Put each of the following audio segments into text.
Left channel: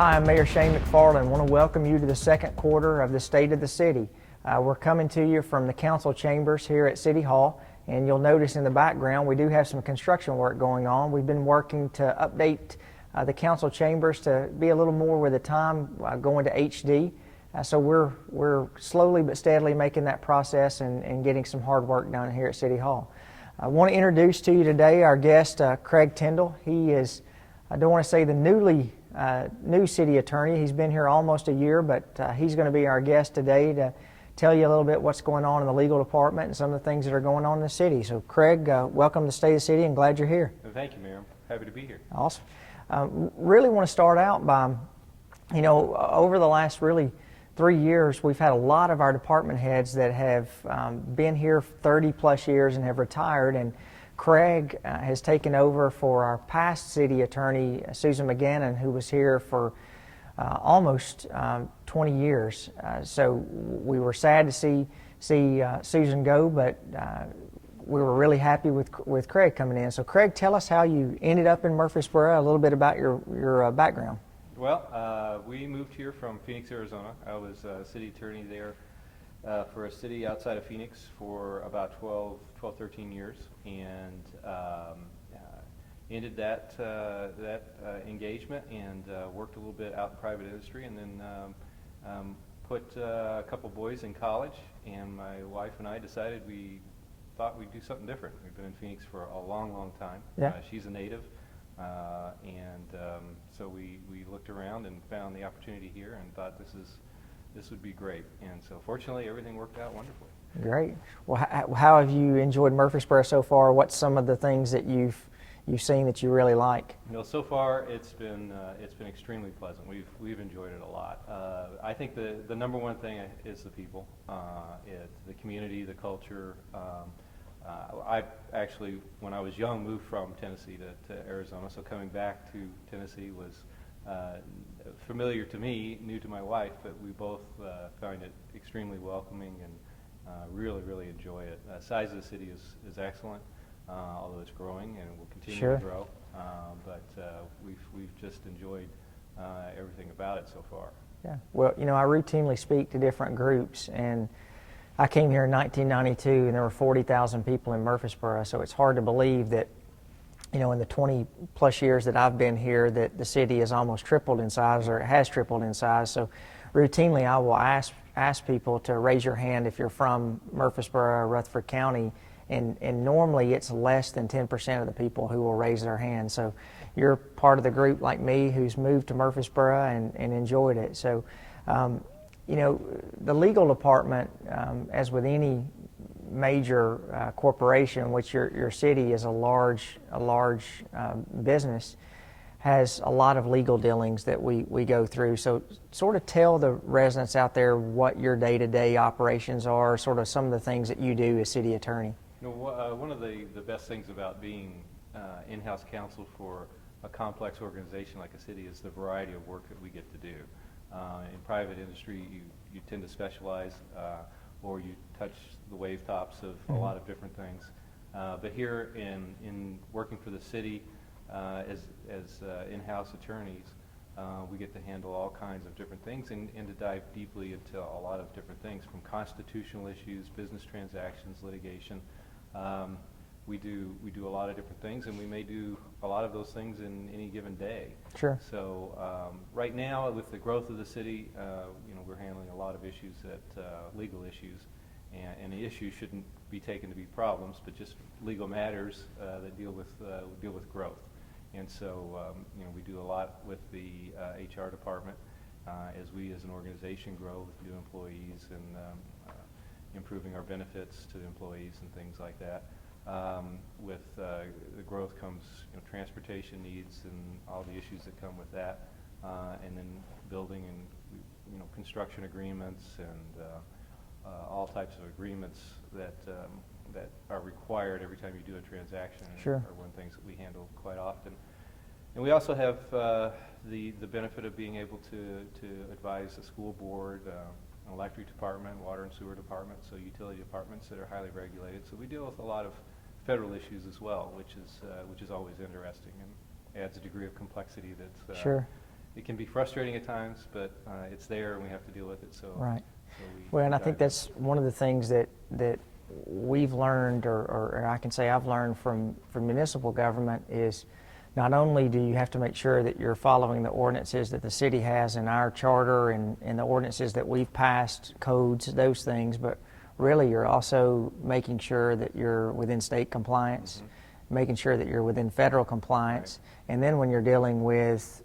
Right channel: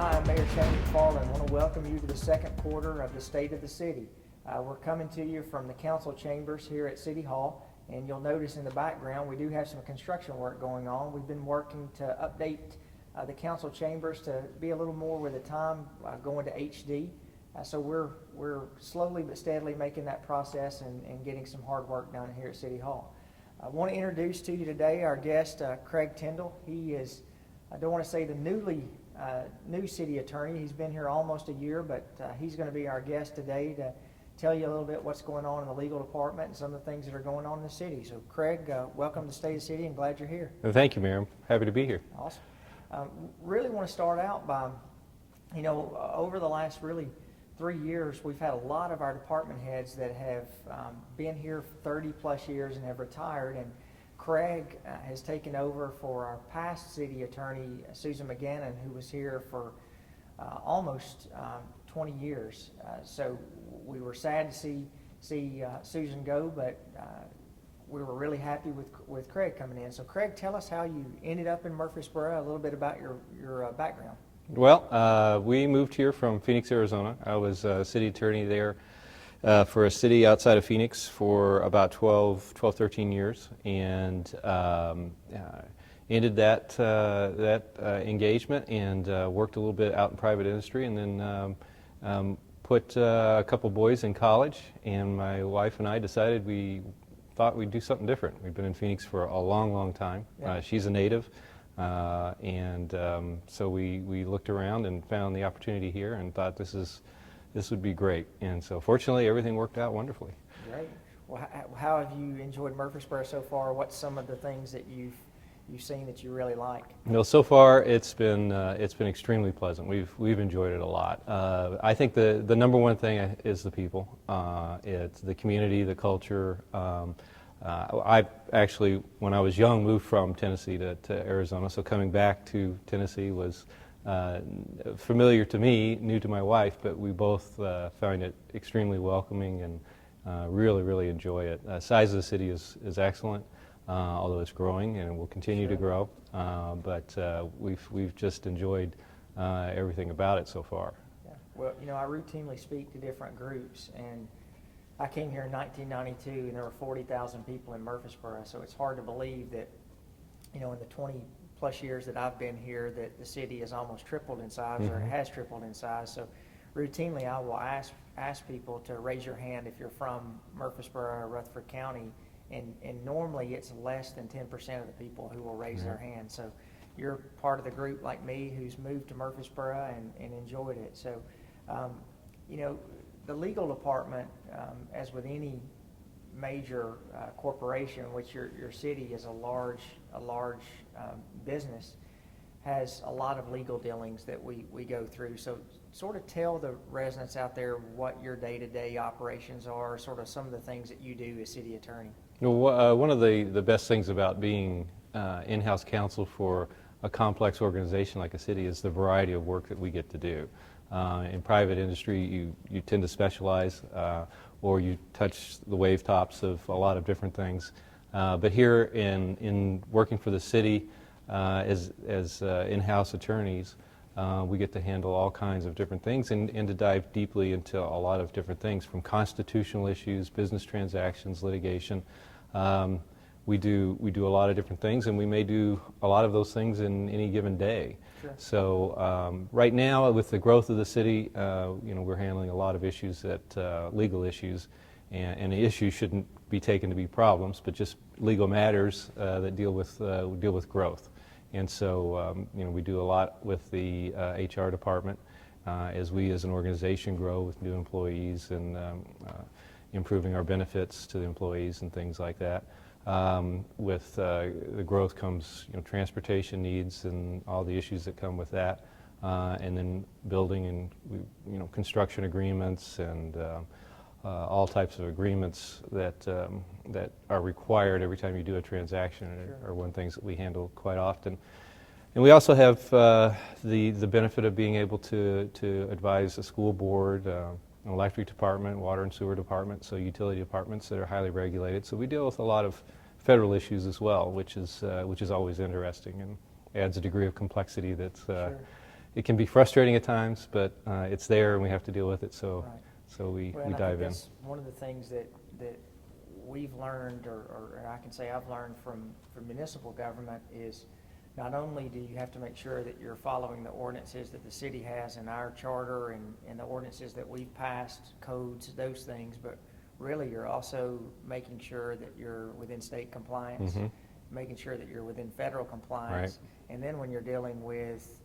Hi, I'm Mayor Shane McFarland. I want to welcome you to the second quarter of the State of the City. We're coming to you from the council chambers here at City Hall, and you'll notice in the background we do have some construction work going on. We've been working to update the council chambers to be a little more with the time going to HD. So we're slowly but steadily making that process and getting some hard work done here at City Hall. I want to introduce to you today our guest, Craig Tindall. He is, I don't want to say the new city attorney. He's been here almost a year, but he's going to be our guest today to tell you a little bit what's going on in the legal department and some of the things that are going on in the city. So Craig, welcome to State of the City and glad you're here. Well, thank you, Mayor. I'm happy to be here. Awesome. Really want to start out by, over the last really 3 years, we've had a lot of our department heads that have been here 30 plus years and have retired, and Craig has taken over for our past city attorney, Susan McGannon, who was here for almost 20 years. So we were sad to see Susan go, but we were really happy with Craig coming in. So Craig, tell us how you ended up in Murfreesboro, a little bit about your background. Well, we moved here from Phoenix, Arizona. I was city attorney there for a city outside of Phoenix for about 13 years, and ended that engagement and worked a little bit out in private industry, and then put a couple boys in college, and my wife and I decided we thought we'd do something different. We've been in Phoenix for a long time. Yeah. She's a native. So we looked around and found the opportunity here and thought this would be great. And so fortunately everything worked out wonderfully. Great. Well, how have you enjoyed Murfreesboro so far? What's some of the things that you've seen that you really like? Well, so far it's been extremely pleasant. We've enjoyed it a lot. I think the number one thing is the people. It's the community, the culture. I actually, when I was young, moved from Tennessee to Arizona, so coming back to Tennessee was familiar to me, new to my wife, but we both found it extremely welcoming and really enjoy it. Size of the city is excellent, although it's growing and will continue Sure. to grow, but we've just enjoyed everything about it so far. Yeah. Well, I routinely speak to different groups, and I came here in 1992 and there were 40,000 people in Murfreesboro, so it's hard to believe that, in the 20 plus years that I've been here, that the city has almost tripled in size, or it has tripled in size. So routinely I will ask people to raise your hand if you're from Murfreesboro or Rutherford County, and normally it's less than 10% of the people who will raise their hand. So you're part of the group like me who's moved to Murfreesboro and enjoyed it. So the legal department, as with any major corporation, which your city is a large business, has a lot of legal dealings that we go through. So sort of tell the residents out there what your day-to-day operations are, sort of some of the things that you do as city attorney. One of the best things about being in-house counsel for a complex organization like a city is the variety of work that we get to do. In private industry, you tend to specialize, or you touch the wave tops of a lot of different things. But here in working for the city as in-house attorneys, we get to handle all kinds of different things and to dive deeply into a lot of different things, from constitutional issues, business transactions, litigation. We do a lot of different things, and we may do a lot of those things in any given day. Sure. So right now, with the growth of the city, we're handling a lot of issues legal issues, and the issues shouldn't be taken to be problems, but just legal matters that deal with growth. And so we do a lot with the HR department as we as an organization grow with new employees and improving our benefits to the employees and things like that. With the growth comes transportation needs and all the issues that come with that, and then building and construction agreements and all types of agreements that are required every time you do a transaction. Sure. Are one things that we handle quite often. And we also have the benefit of being able to advise a school board, an electric department, water and sewer department, so utility departments that are highly regulated. So we deal with a lot of federal issues as well, which is always interesting and adds a degree of complexity that's Sure. it can be frustrating at times, but it's there and we have to deal with it. So, Right. so we Well, and I dive think that's one of the things that we've learned, or I can say I've learned from municipal government, is not only do you have to make sure that you're following the ordinances that the city has in our charter and the ordinances that we've passed, codes, those things, but really you're also making sure that you're within state compliance, making sure that you're within federal compliance, and then when you're dealing with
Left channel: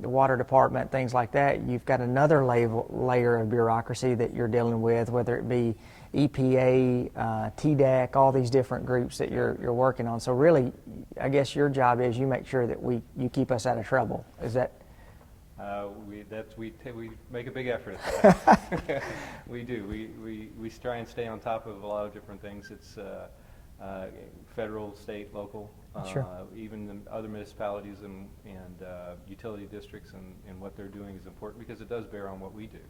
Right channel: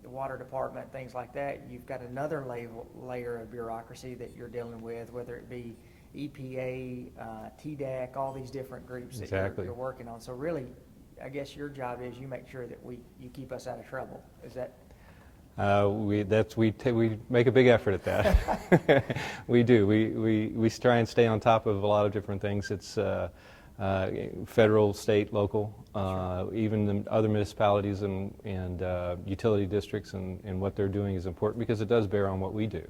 the water department, things like that, you've got another layer of bureaucracy that you're dealing with, whether it be EPA, TDEC, all these different groups that you're working on. So really, I guess your job is you make sure that you keep us out of trouble. Is that? We make a big effort at that. We do. We try and stay on top of a lot of different things. It's federal, state, local, even the other municipalities and utility districts, and what they're doing is important because it does bear on what we do.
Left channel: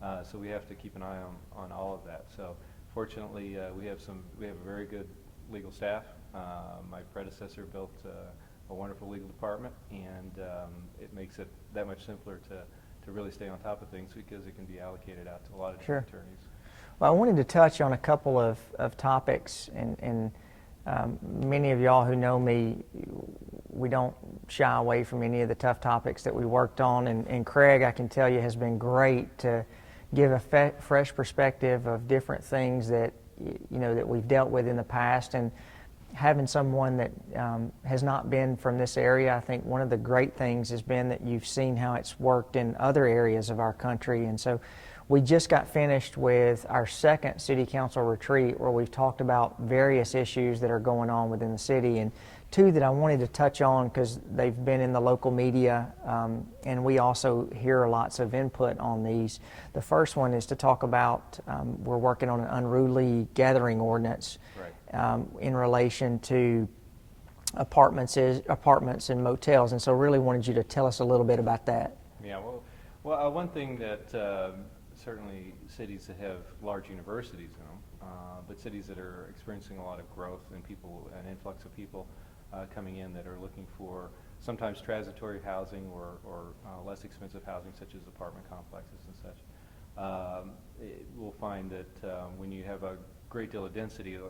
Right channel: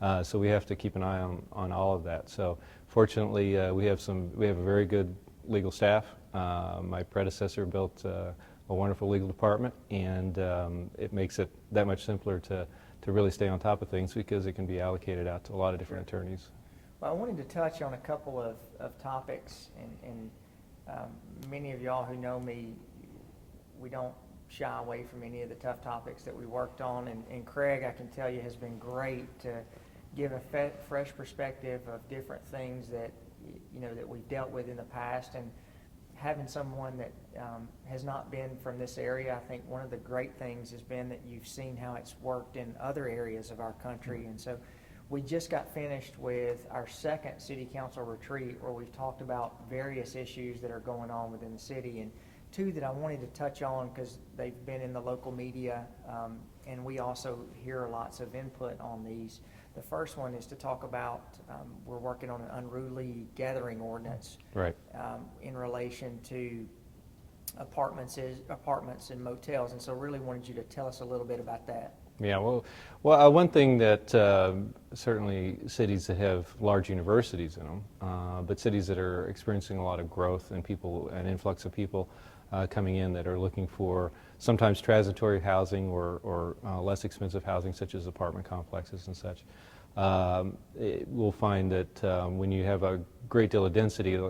Yeah. So we have to keep an eye on all of that. So fortunately, we have a very good legal staff. My predecessor built a wonderful legal department, and it makes it that much simpler to really stay on top of things because it can be allocated out to a lot of different attorneys. Well, I wanted to touch on a couple of topics, and many of y'all who know me, we don't shy away from any of the tough topics that we worked on, and Craig, I can tell you, has been great to give a fresh perspective of different things that that we've dealt with in the past, and having someone that has not been from this area. I think one of the great things has been that you've seen how it's worked in other areas of our country, and so we just got finished with our second city council retreat where we've talked about various issues that are going on within the city, and two that I wanted to touch on because they've been in the local media, and we also hear lots of input on these. The first one is to talk about, we're working on an unruly gathering ordinance in relation to apartments and motels, and so really wanted you to tell us a little bit about that. Yeah, well, one thing that certainly cities that have large universities in them, but cities that are experiencing a lot of growth and an influx of people coming in that are looking for sometimes transitory housing or less expensive housing, such as apartment complexes and such. We'll find that when you have a great deal of density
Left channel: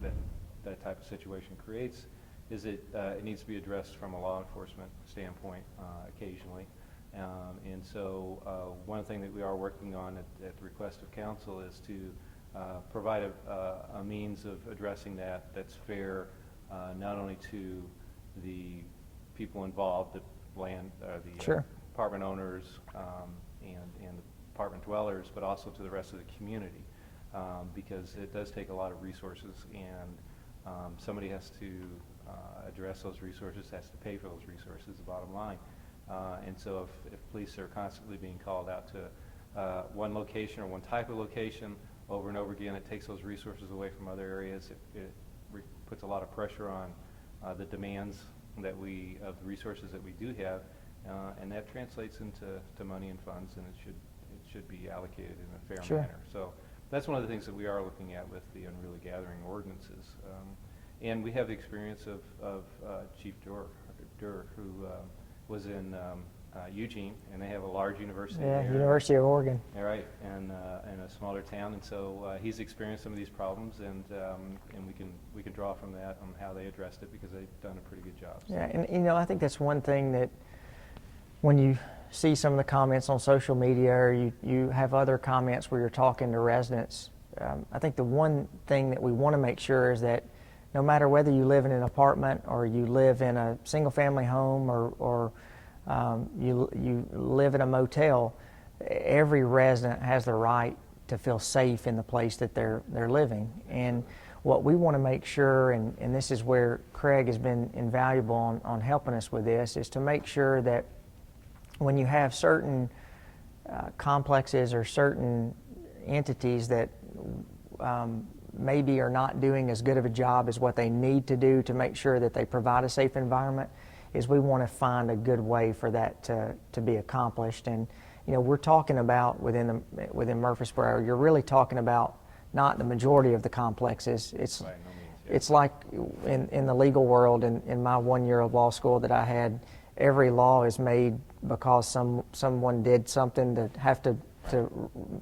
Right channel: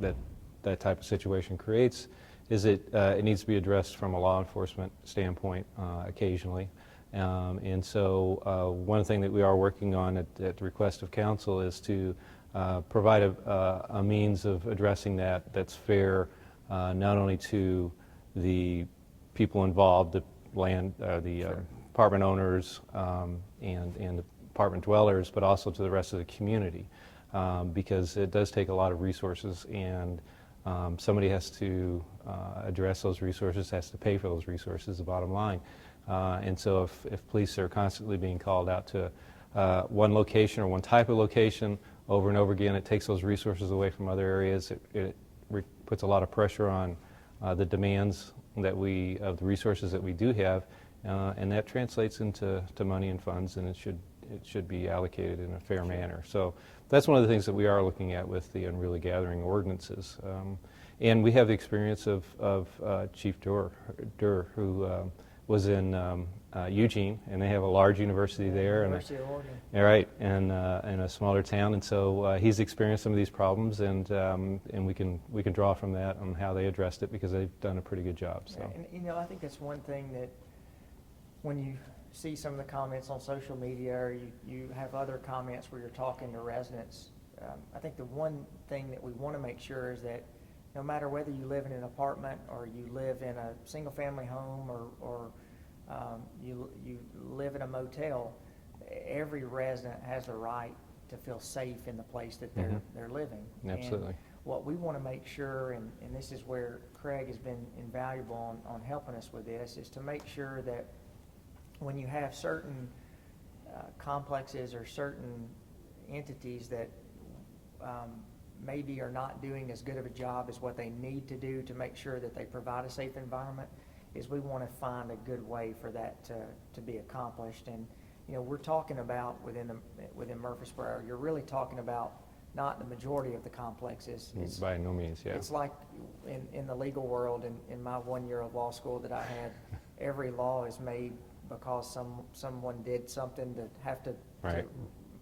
that type of situation creates, it needs to be addressed from a law enforcement standpoint occasionally. And so one thing that we are working on at the request of council is to provide a means of addressing that's fair, not only to the people involved, the apartment owners and the apartment dwellers, but also to the rest of the community, because it does take a lot of resources, and somebody has to address those resources, has to pay for those resources, the bottom line. And so if police are constantly being called out to one location or one type of location over and over again, it takes those resources away from other areas. It puts a lot of pressure on the demands of the resources that we do have, and that translates into money and funds, and it should be allocated in a fair manner. So that's one of the things that we are looking at with the unruly gathering ordinances. And we have the experience of Chief Durr, who was in Eugene, and they have a large university there. University of Oregon. Right, and in a smaller town, and so he's experienced some of these problems, and we can draw from that on how they addressed it, because they've done a pretty good job. So. Yeah, and I think that's one thing that when you see some of the comments on social media, or you have other comments where you're talking to residents, I think the one thing that we want to make sure is that no matter whether you live in an apartment or you live in a single-family home or you live in a motel, every resident has the right to feel safe in the place that they're living. Absolutely. And what we want to make sure, and this is where Craig has been invaluable on helping us with this, is to make sure that when you have certain complexes or certain entities that maybe are not doing as good of a job as what they need to do to make sure that they provide a safe environment, is we want to find a good way for that to be accomplished. And we're talking about within Murfreesboro, you're really talking about not the majority of the complexes. It's by no means. Yeah. It's like in the legal world, in my 1 year of law school that I had, every law is made because someone did something to have to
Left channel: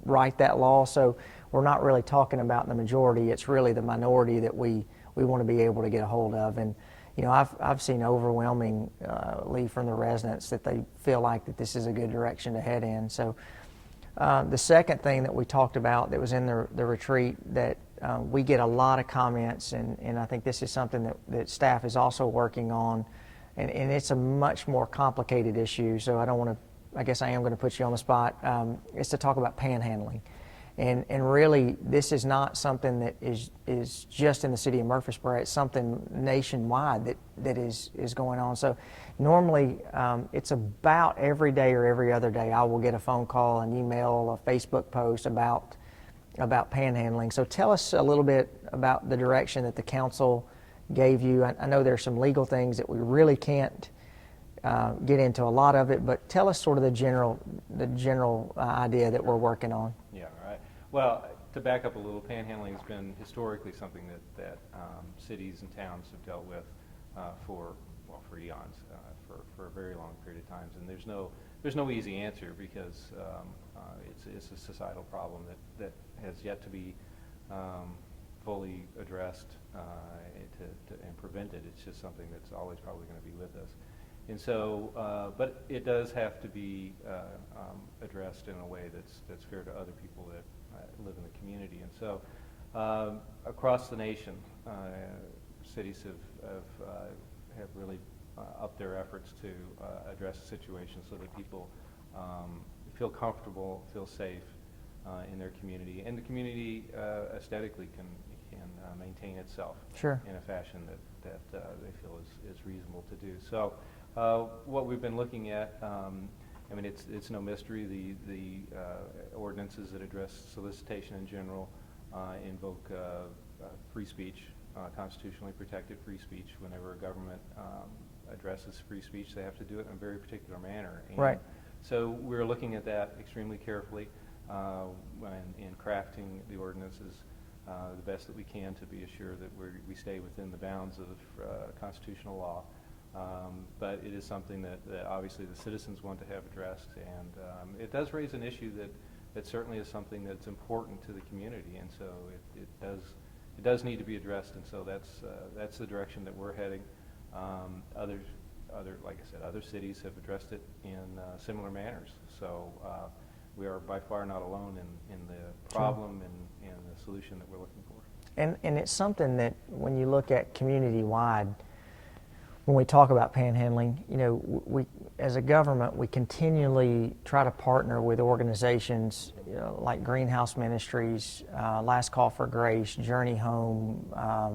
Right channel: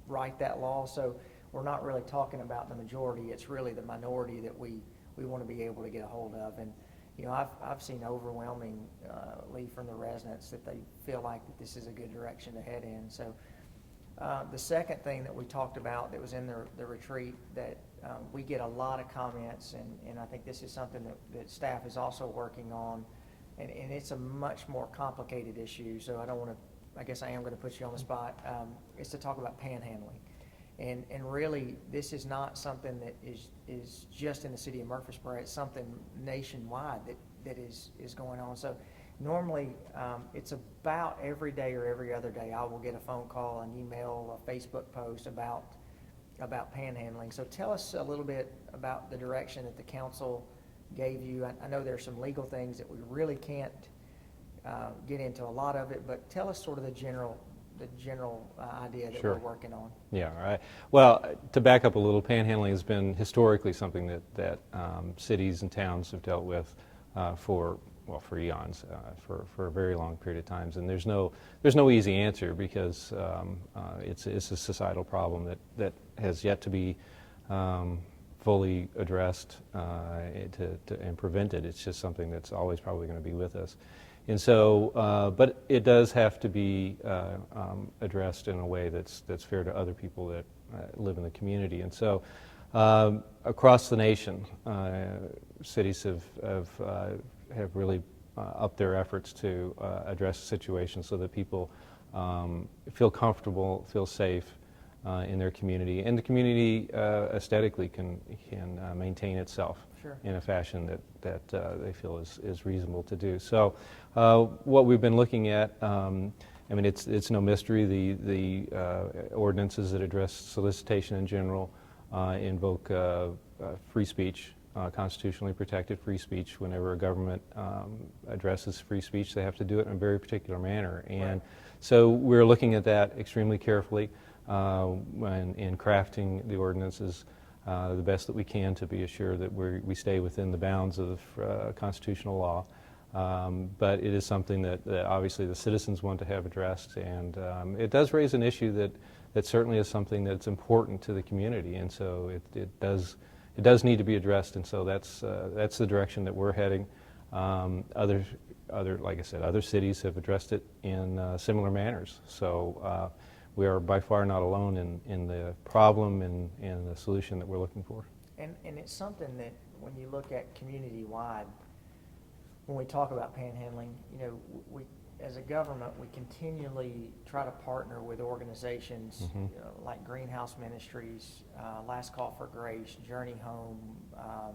write that law. So we're not really talking about the majority. It's really the minority that we want to be able to get a hold of. And I've seen overwhelmingly from the residents that they feel like that this is a good direction to head in. So the second thing that we talked about that was in the retreat that we get a lot of comments, and I think this is something that staff is also working on, and it's a much more complicated issue, so I guess I am going to put you on the spot, is to talk about panhandling. And really, this is not something that is just in the city of Murfreesboro. It's something nationwide that is going on. So normally, it's about every day or every other day I will get a phone call, an email, a Facebook post about panhandling. So tell us a little bit about the direction that the council gave you. I know there's some legal things that we really can't get into a lot of it, but tell us sort of the general idea that we're working on. Yeah, right. Well, to back up a little, panhandling has been historically something that cities and towns have dealt with for eons, for a very long period of times, and there's no easy answer because it's a societal problem that has yet to be fully addressed and prevented. It's just something that's always probably going to be with us. And so, but it does have to be addressed in a way that's fair to other people that live in the community. And so, across the nation, cities have really upped their efforts to address the situation so that people feel comfortable, feel safe in their community, and the community aesthetically can maintain itself in a fashion that they feel is reasonable to do. So what we've been looking at, I mean, it's no mystery. The ordinances that address solicitation in general invoke free speech, constitutionally protected free speech. Whenever a government addresses free speech, they have to do it in a very particular manner. And so we're looking at that extremely carefully in crafting the ordinances the best that we can to be assured that we stay within the bounds of constitutional law. But it is something that obviously the citizens want to have addressed, and it does raise an issue that certainly is something that's important to the community, and so it does need to be addressed, and so that's the direction that we're heading. Like I said, other cities have addressed it in similar manners. So we are by far not alone in the problem and the solution that we're looking for. And it's something that when you look at community-wide, when we talk about panhandling, we as a government, we continually try to partner with organizations like Greenhouse Ministries, Last Call for Grace, Journey Home,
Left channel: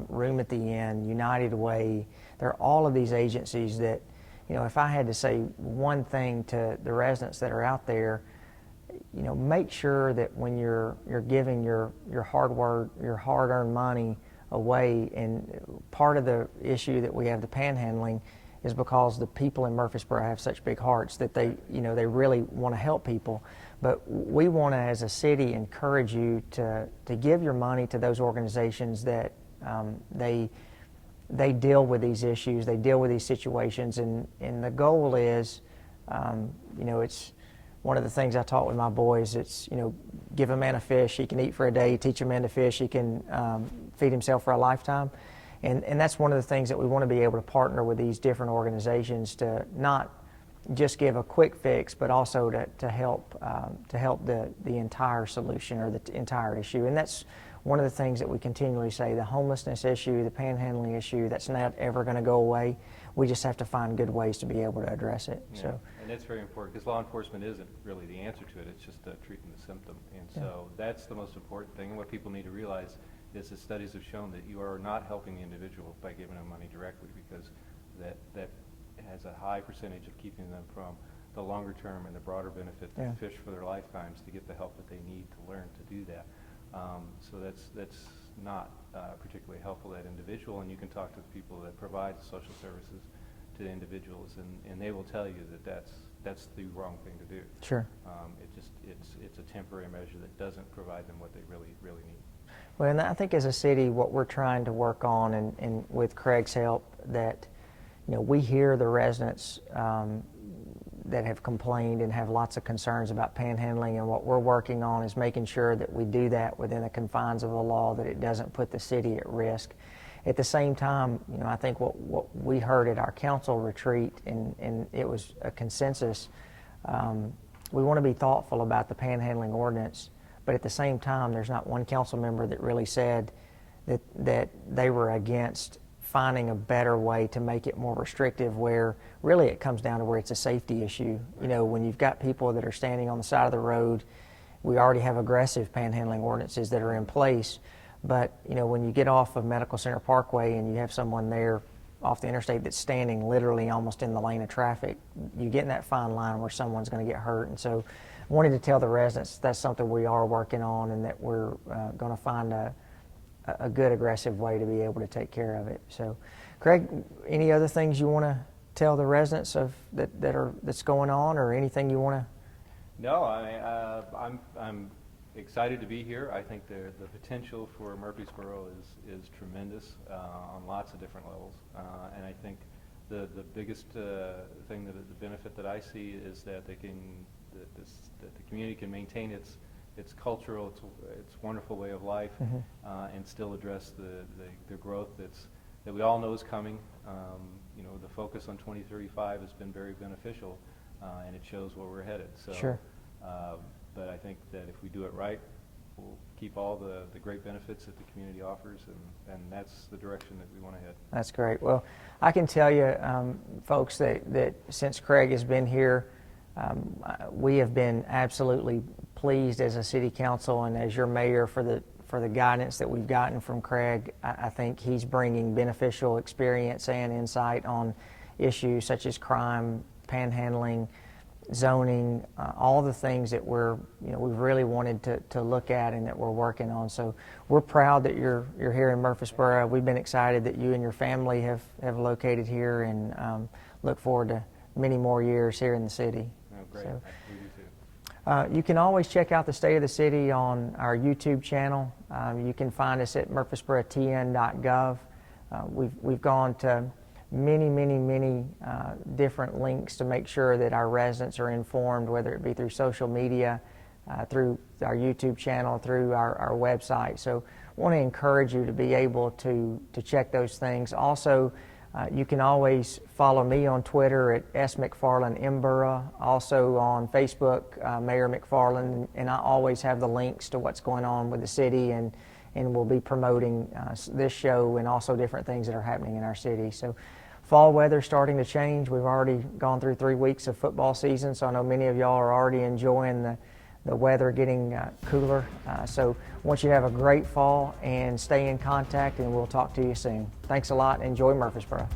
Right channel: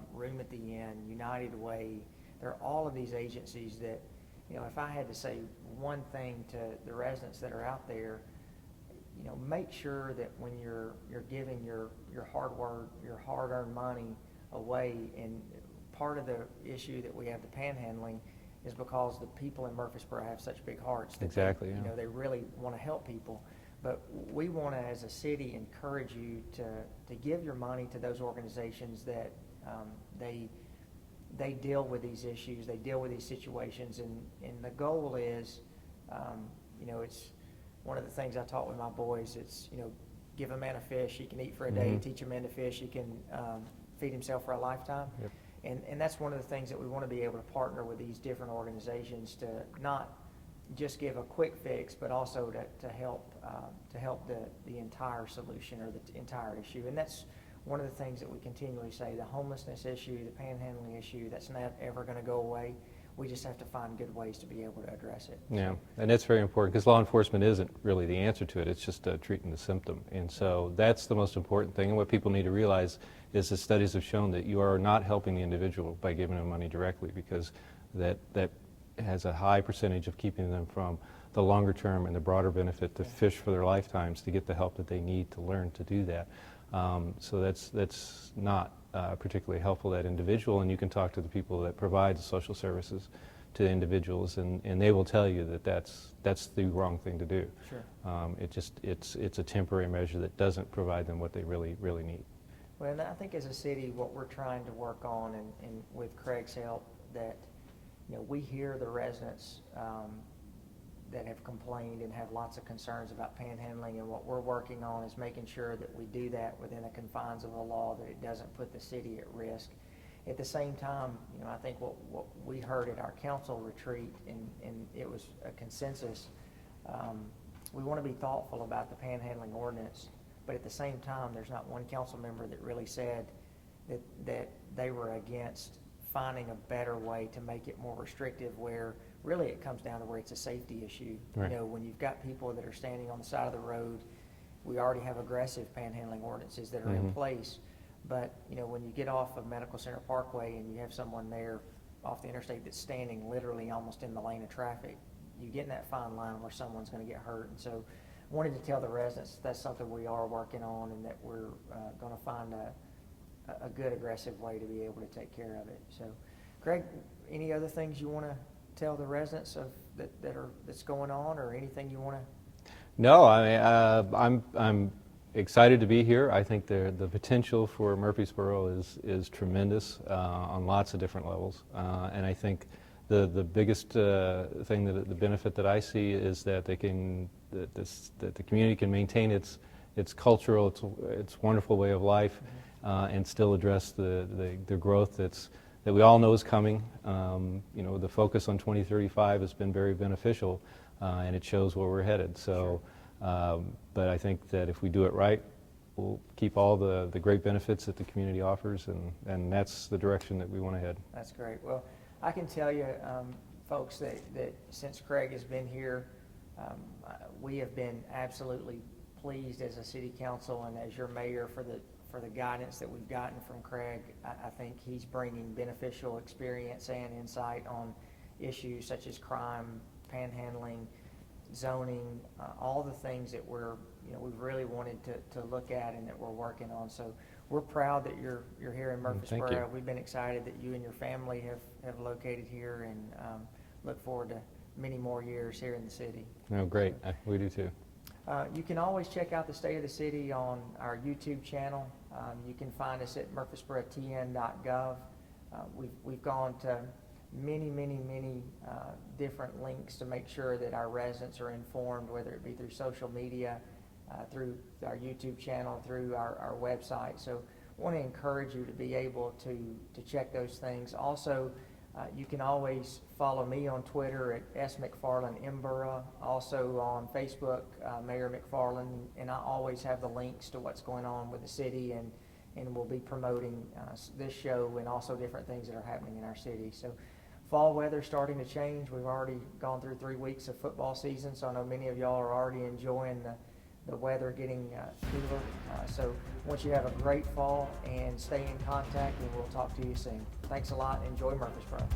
Room at the Inn, United Way. There are all of these agencies that, if I had to say one thing to the residents that are out there, make sure that when you're giving your hard-earned money away, and part of the issue that we have the panhandling is because the people in Murfreesboro have such big hearts that they really want to help people. But we want to, as a city, encourage you to give your money to those organizations that they deal with these issues, they deal with these situations, and the goal is, it's one of the things I taught with my boys. It's, give a man a fish, he can eat for a day. Teach a man to fish, he can feed himself for a lifetime. And that's one of the things that we want to be able to partner with these different organizations to not just give a quick fix, but also to help the entire solution or the entire issue. And that's one of the things that we continually say: the homelessness issue, the panhandling issue, that's not ever going to go away. We just have to find good ways to be able to address it. Yeah, so. And that's very important because law enforcement isn't really the answer to it. It's just treating the symptom. And so that's the most important thing. And what people need to realize is that studies have shown that you are not helping the individual by giving them money directly, because that has a high percentage of keeping them from the longer term and the broader benefit to fish for their lifetimes to get the help that they need to learn to do that. So that's not particularly helpful to that individual, and you can talk to the people that provide the social services to individuals, and they will tell you that that's the wrong thing to do. Sure. It's a temporary measure that doesn't provide them what they really need. Well, and I think as a city, what we're trying to work on, and with Craig's help, that we hear the residents that have complained and have lots of concerns about panhandling, and what we're working on is making sure that we do that within the confines of the law, that it doesn't put the city at risk. At the same time, I think what we heard at our council retreat, and it was a consensus, we want to be thoughtful about the panhandling ordinance, but at the same time, there's not one council member that really said that they were against finding a better way to make it more restrictive, where really it comes down to where it's a safety issue. Right. When you've got people that are standing on the side of the road, we already have aggressive panhandling ordinances that are in place, but when you get off of Medical Center Parkway and you have someone there off the interstate that's standing literally almost in the lane of traffic, you get in that fine line where someone's going to get hurt. And so I wanted to tell the residents that's something we are working on, and that we're going to find a good aggressive way to be able to take care of it. So, Craig, any other things you want to tell the residents of that's going on, or anything you want to? No, I mean, I'm excited to be here. I think the potential for Murfreesboro is tremendous on lots of different levels, and I think the biggest thing, the benefit that I see is that that the community can maintain its cultural, its wonderful way of life, and still address the growth that we all know is coming. The focus on 2035 has been very beneficial, and it shows where we're headed. So, Sure. But I think that if we do it right, we'll keep all the great benefits that the community offers, and that's the direction that we want to head. That's great. Well, I can tell you, folks, that since Craig has been here, we have been absolutely pleased as a city council and as your mayor for the guidance that we've gotten from Craig. I think he's bringing beneficial experience and insight on issues such as crime, panhandling, zoning, all the things that we've really wanted to look at and that we're working on. So we're proud that you're here in Murfreesboro. We've been excited that you and your family have located here, and look forward to many more years here in the city. No, great. So, We do too. you can always check out the State of the City on our YouTube channel. You can find us at murfreesborotn.gov. We've gone to many different links to make sure that our residents are informed, whether it be through social media, through our YouTube channel, through our website. So I want to encourage you to be able to check those things. Also, you can always follow me on Twitter at smcfarlandmborough, also on Facebook, Mayor McFarland, and I always have the links to what's going on with the city, and we'll be promoting this show and also different things that are happening in our city. So fall weather's starting to change. We've already gone through 3 weeks of football season, so I know many of y'all are already enjoying the weather getting cooler. So I want you to have a great fall and stay in contact, and we'll talk to you soon. Thanks a lot. Enjoy Murfreesboro.